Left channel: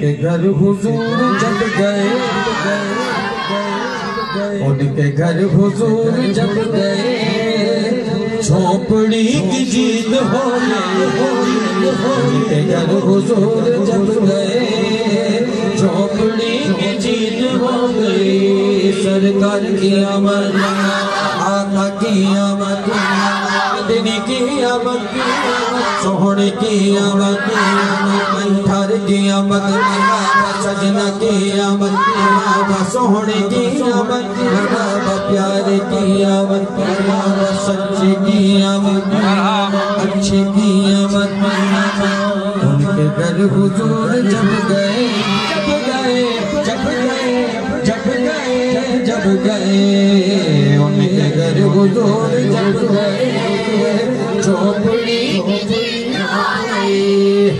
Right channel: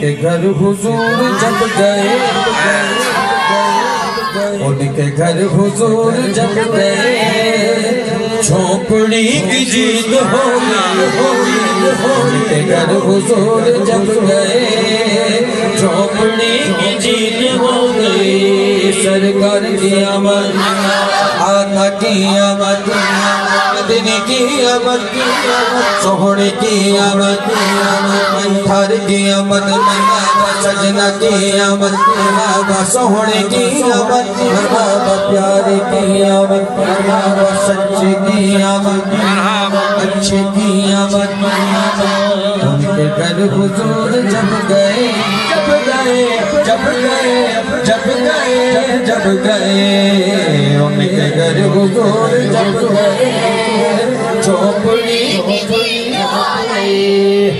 کے گھر حضور جب گئے ان کے گھر حضور جب گئے جھونپڑی کی جیت ہو گئی ان کے گھر حضور جب گئے جھونپڑی کی جیت ہو گئی سرکار کی آمد آقا کی آمد مدنی کی آمد سوہنے کی آمد انتھار کی آمد سجنہ کی آمد سوہنے کی آمد پیارے کی آمد سچے کی آمد اچھے کی آمد ان کے گھر حضور جب گئے جب گئے ان کے گھر حضور جب گئے جھونپڑی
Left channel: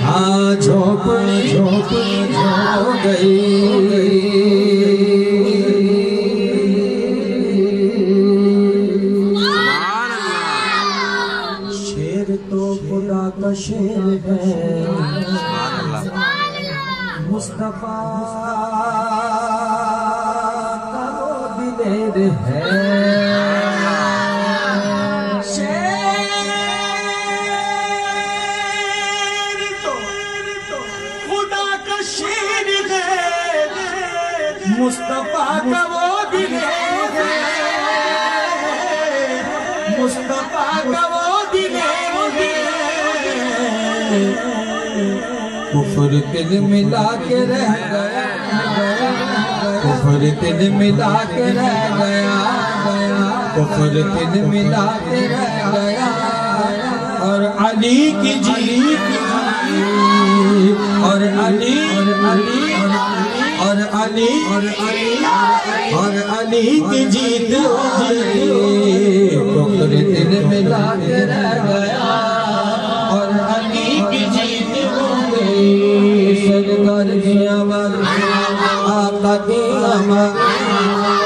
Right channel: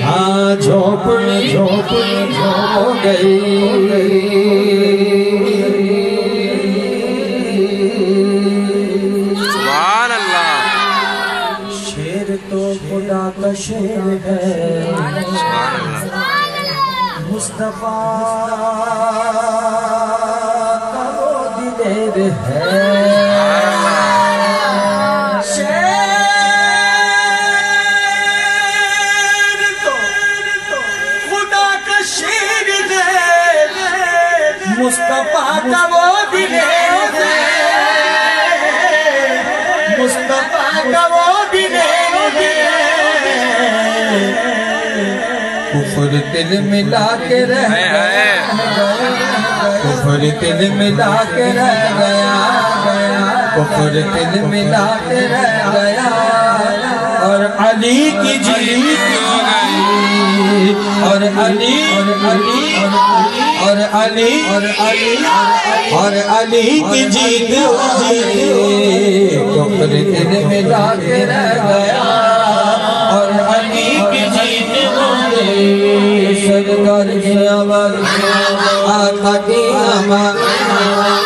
ہاں جھونپڑی ہو گئی سبحان اللہ شیر تو خدا کا شیر ہے سبحان اللہ مصطفیٰ کا وہ دلیر ہے شیر تو خدا کا شیر ہے مصطفیٰ کا وہ دلیر ہے مصطفیٰ کا وہ دلیر ہے کفر دل ملا کے رہ گیا کفر دل ملا کے رہ گیا کفر دل ملا کے رہ گیا اور علی کی جیت ہو گئی اور علی کی جیت ہو گئی کفر دل ملا کے رہ گیا اور علی کی جیت ہو گئی سرکار کی آمد آقا کی آمد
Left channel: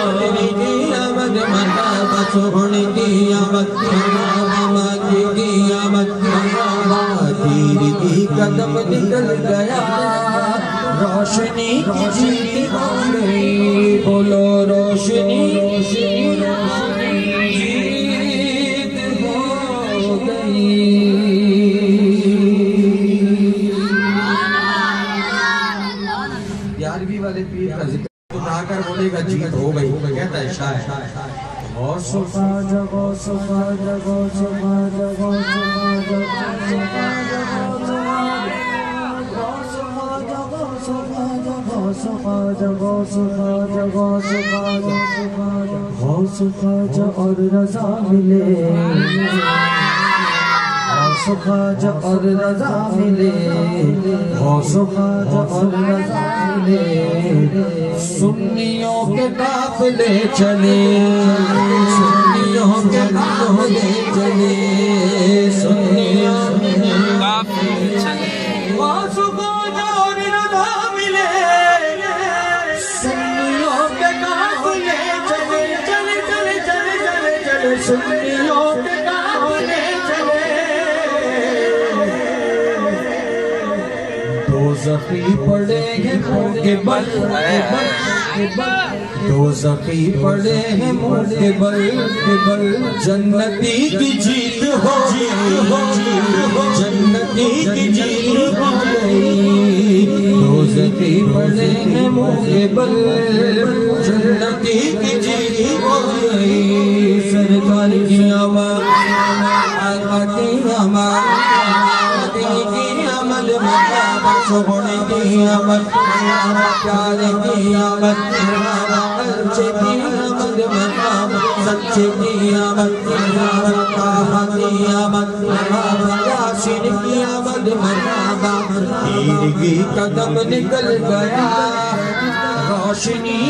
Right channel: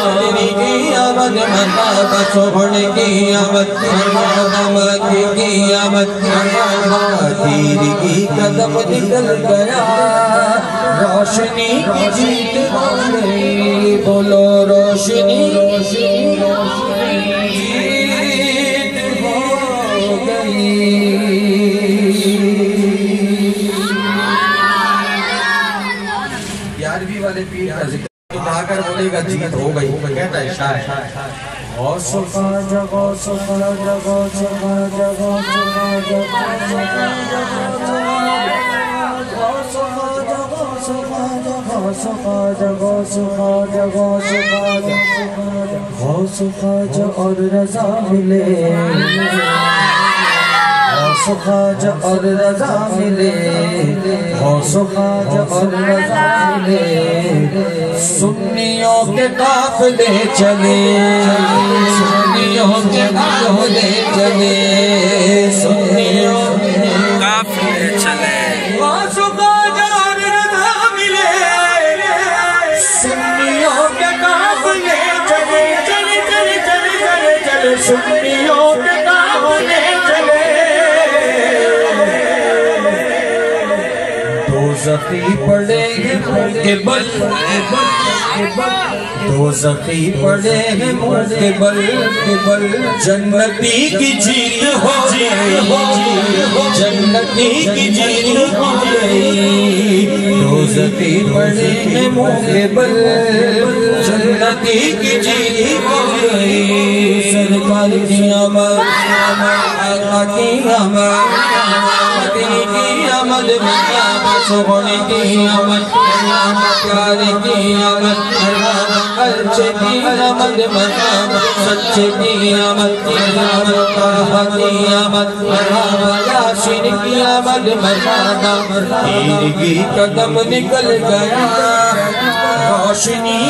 مدنی کی آمد مرحبا سوہنے کی آمد مرحبا مکی کی آمد مرحبا تیر کی قدم نکل گیا روشنی کی جیت ہو گئی بولو روشنی جیت ہو گئی والے پیر کا ذکر اٹھا کر بولے گا جیت ہو گئی کہتا ہے شاعر غوث خواجہ غوث خواجہ غوث خواجہ غوث خواجہ غوث خواجہ غوث خواجہ غوث خواجہ اور رضا ملے غوث خواجہ اور رضا ملے غوث خواجہ اور رضا ملے سنیوں کے قافلے چلے سنیوں کے قافلے چلے سنیوں کے قافلے چلے غوث خواجہ اور رضا ملے سنیوں کے قافلے چلے چلے چلے چلے چلے چلے سنیوں کے قافلے چلے دوزخی پڑے ہیں منہ کے بل دوزخی پڑے ہیں منہ کے بل جنتی کی جیت ہو گئی جنتی کی جیت ہو گئی دوزخی پڑے ہیں منہ کے بل جنتی کی جیت ہو گئی سرکار کی آمد آقا کی آمد مدنی کی آمد مرحبا سوہنے کی آمد مرحبا پیارے کی آمد مرحبا اچھے کی آمد مرحبا سچے کی آمد مرحبا طاہا کی آمد مرحبا یاسین کی آمد مرحبا تیر کی قدم نکل گیا روشنی